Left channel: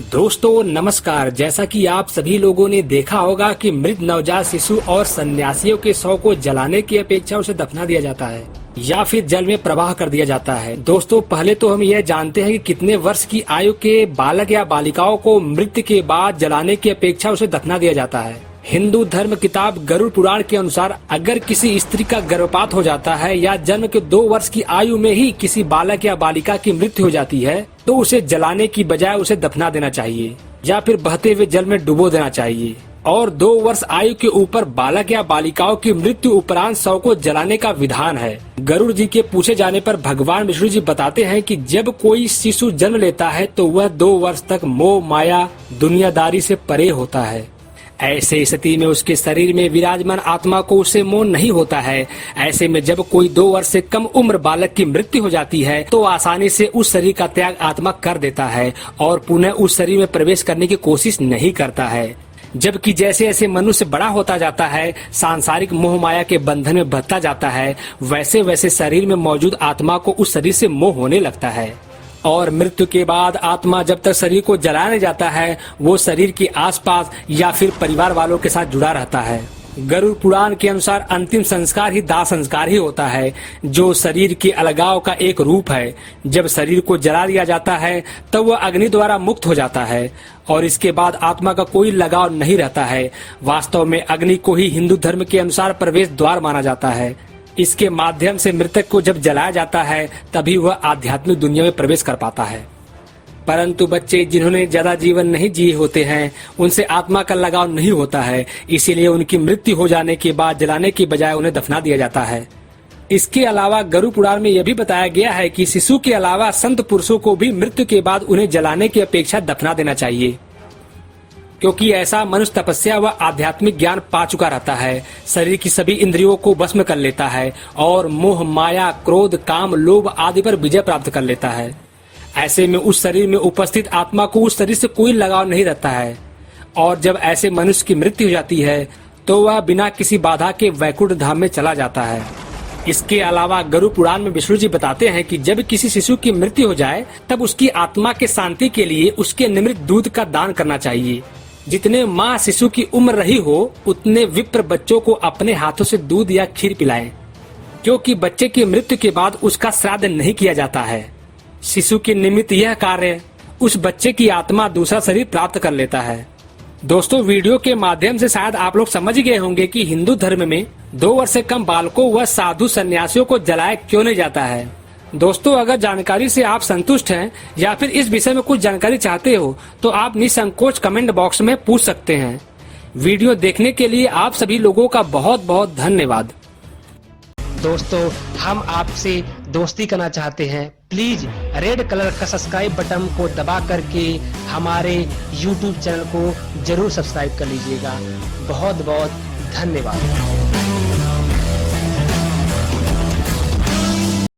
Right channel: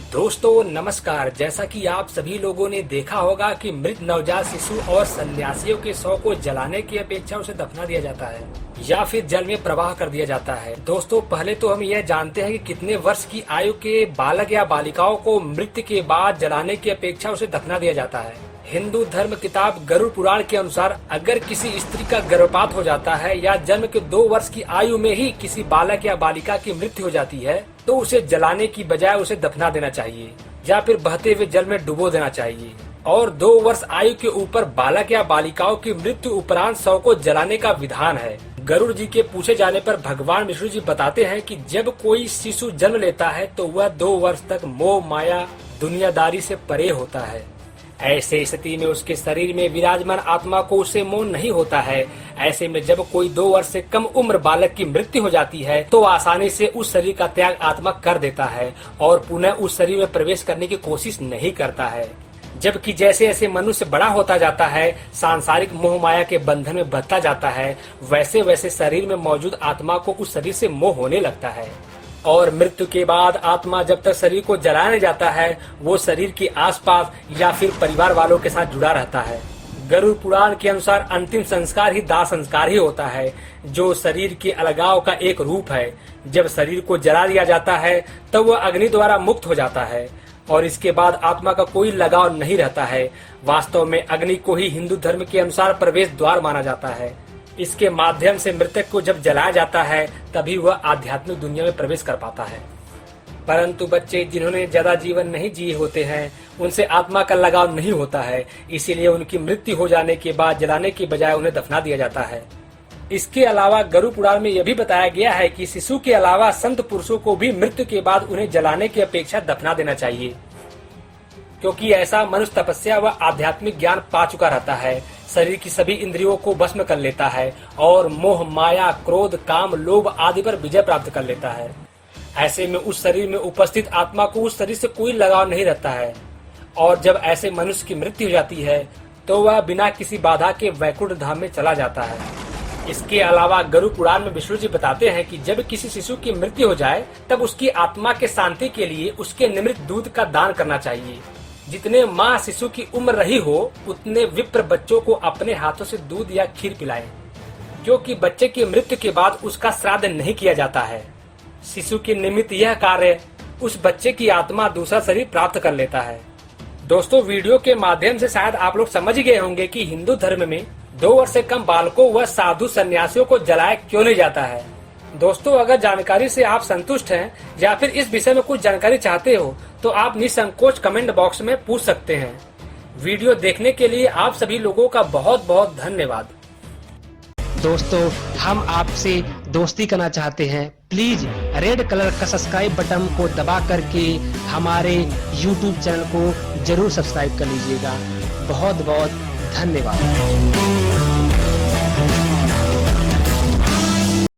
दोस्तों नमस्कार। जैसा कि आप सभी लोगों ने देखा होगा कि मृत नवजात शिशु और सन्यासियों के शव को जलाने की अपेक्षा उसे दफना दिया जाता है या फिर जल में प्रवाह कर दिया जाता है। दोस्तों पहले तो हम यह जानते हैं कि कितने वर्ष की आयु के बालक या बालिकाओं को मृत्यु के बाद जलाने की अपेक्षा उसे दफना दिया जाता है। हिंदू धर्म किताब गरुड़ पुराण के अनुसार अगर किसी स्त्री का गर्भपात हो जाता है या जन्म के 2 वर्ष की आयु में ही किसी बालक या बालिका की मृत्यु हो जाती है तो उसे जलाने की बजाय उसे दफना देना चाहिए या फिर बहते हुए जल में डुबो देना चाहिए। और 2 वर्ष आयु के ऊपर बालक या बालिकाओं की मृत्यु उपरांत शव को जलाने का विधान है। गरुड़ जी के पूछे जाने पर भगवान विष्णु जी बताते हैं कि जब कोई शिशु जन्म लेता है तो वह 2 वर्ष तक मोह माया दुनियादारी से परे होता है। ऐसे स्थिति में उसके शरीर में विराजमान आत्मा को उससे मोह नहीं होता है। ऐसे में जब कोई 2 वर्ष से कम उम्र बालक की मृत्यु हो जाती है तो आसानी से उस शरीर का त्याग आत्मा कर देता है और पुनः उस शरीर में प्रवेश करने की कोशिश नहीं करता है। जबकि जैसे जैसे मनुष्य बड़ा होता जाता है, सांसारिक मोह माया के बंधन में बंधता जाता है, वैसे वैसे शरीर में मौजूद आत्मा को उस शरीर से मोह होने लगता है। और मृत्यु के बाद आत्मा जब तक शरीर को जलाने जाता है वो शरीर के आसपास या फिर परिवार वालों के साथ जुड़ा रहता है। गरुड़ पुराण के अनुसार अंतिम संस्कार ही दाह संस्कार ही होता है, जो शरीर के अलगाव का एक रूप है। जब शरीर को जला दिया जाता है तब वह अग्नि द्वारा मुक्त हो जाता है और इसके बाद आत्मा का कोई लगाव नहीं रहता है। वास्तव में अग्नि को ही हिंदू धर्म के अनुसार प्रवेश द्वार माना जाता है। इसके माध्यम से मृतक को जब जलाया जाता है तभी वह आध्यात्मिक दुनिया में प्रवेश कर पाता है। परंतु बच्चे जिन्होंने ज्यादा जीवन नहीं जिए होते हैं उनसे आत्मा का लगाव नहीं होता है, इसीलिए उनकी मृत्यु हो जाने के बाद जलाने की बजाय उन्हें दफना दिया जाता है। इसके अलावा गरुड़ पुराण में यह भी बताया गया है कि शिशु के अलावा संत पुरुषों को भी मृत्यु के बाद उन्हें जलाने की अपेक्षा दफना देना चाहिए, क्योंकि ऐसा मनुष्य तपस्या व आध्यात्मिक ज्ञान पा चुका रहता है, शरीर की सभी इंद्रियों को भस्म कर लेता है और मोह माया क्रोध काम लोभ आदि पर विजय प्राप्त कर लेता है। ऐसे में उस शरीर में उपस्थित आत्मा को उस शरीर से कोई लगाव नहीं रहता है और जब ऐसे मनुष्य की मृत्यु हो जाती है तो वह बिना किसी बाधा के वैकुंठ धाम में चला जाता है। इसके अलावा गरुड़ पुराण में विष्णु जी बताते हैं कि जब किसी शिशु की मृत्यु हो जाए तब उसकी आत्मा के शांति के लिए उसके निमृत दूध का दान करना चाहिए। जितने माँ शिशु की उम्र रही हो उतने विप्र बच्चों को अपने हाथों से दूध या खीर पिलाएं, क्योंकि बच्चे की मृत्यु के बाद उसका श्राद्ध नहीं किया जाता है। शिशु के निमित्त यह कार्य उस बच्चे की आत्मा दूसरा शरीर प्राप्त कर लेता है। दोस्तों वीडियो के माध्यम से शायद आप लोग समझ गए होंगे कि हिंदू धर्म में 2 वर्ष से कम बालकों व साधु सन्यासियों को जलाया क्यों नहीं जाता है। दोस्तों अगर जानकारी से आप संतुष्ट हैं या फिर इस विषय में कुछ जानकारी चाहते हो तो आप निसंकोच कमेंट बॉक्स में पूछ सकते हैं। वीडियो देखने के लिए आप सभी लोगों का बहुत बहुत धन्यवाद। दोस्तों हम आपसे दोस्ती करना चाहते हैं, प्लीज रेड कलर का सब्सक्राइब बटन को दबा करके हमारे YouTube चैनल को जरूर सब्सक्राइब कर लीजिएगा। बहुत बहुत धन्यवाद।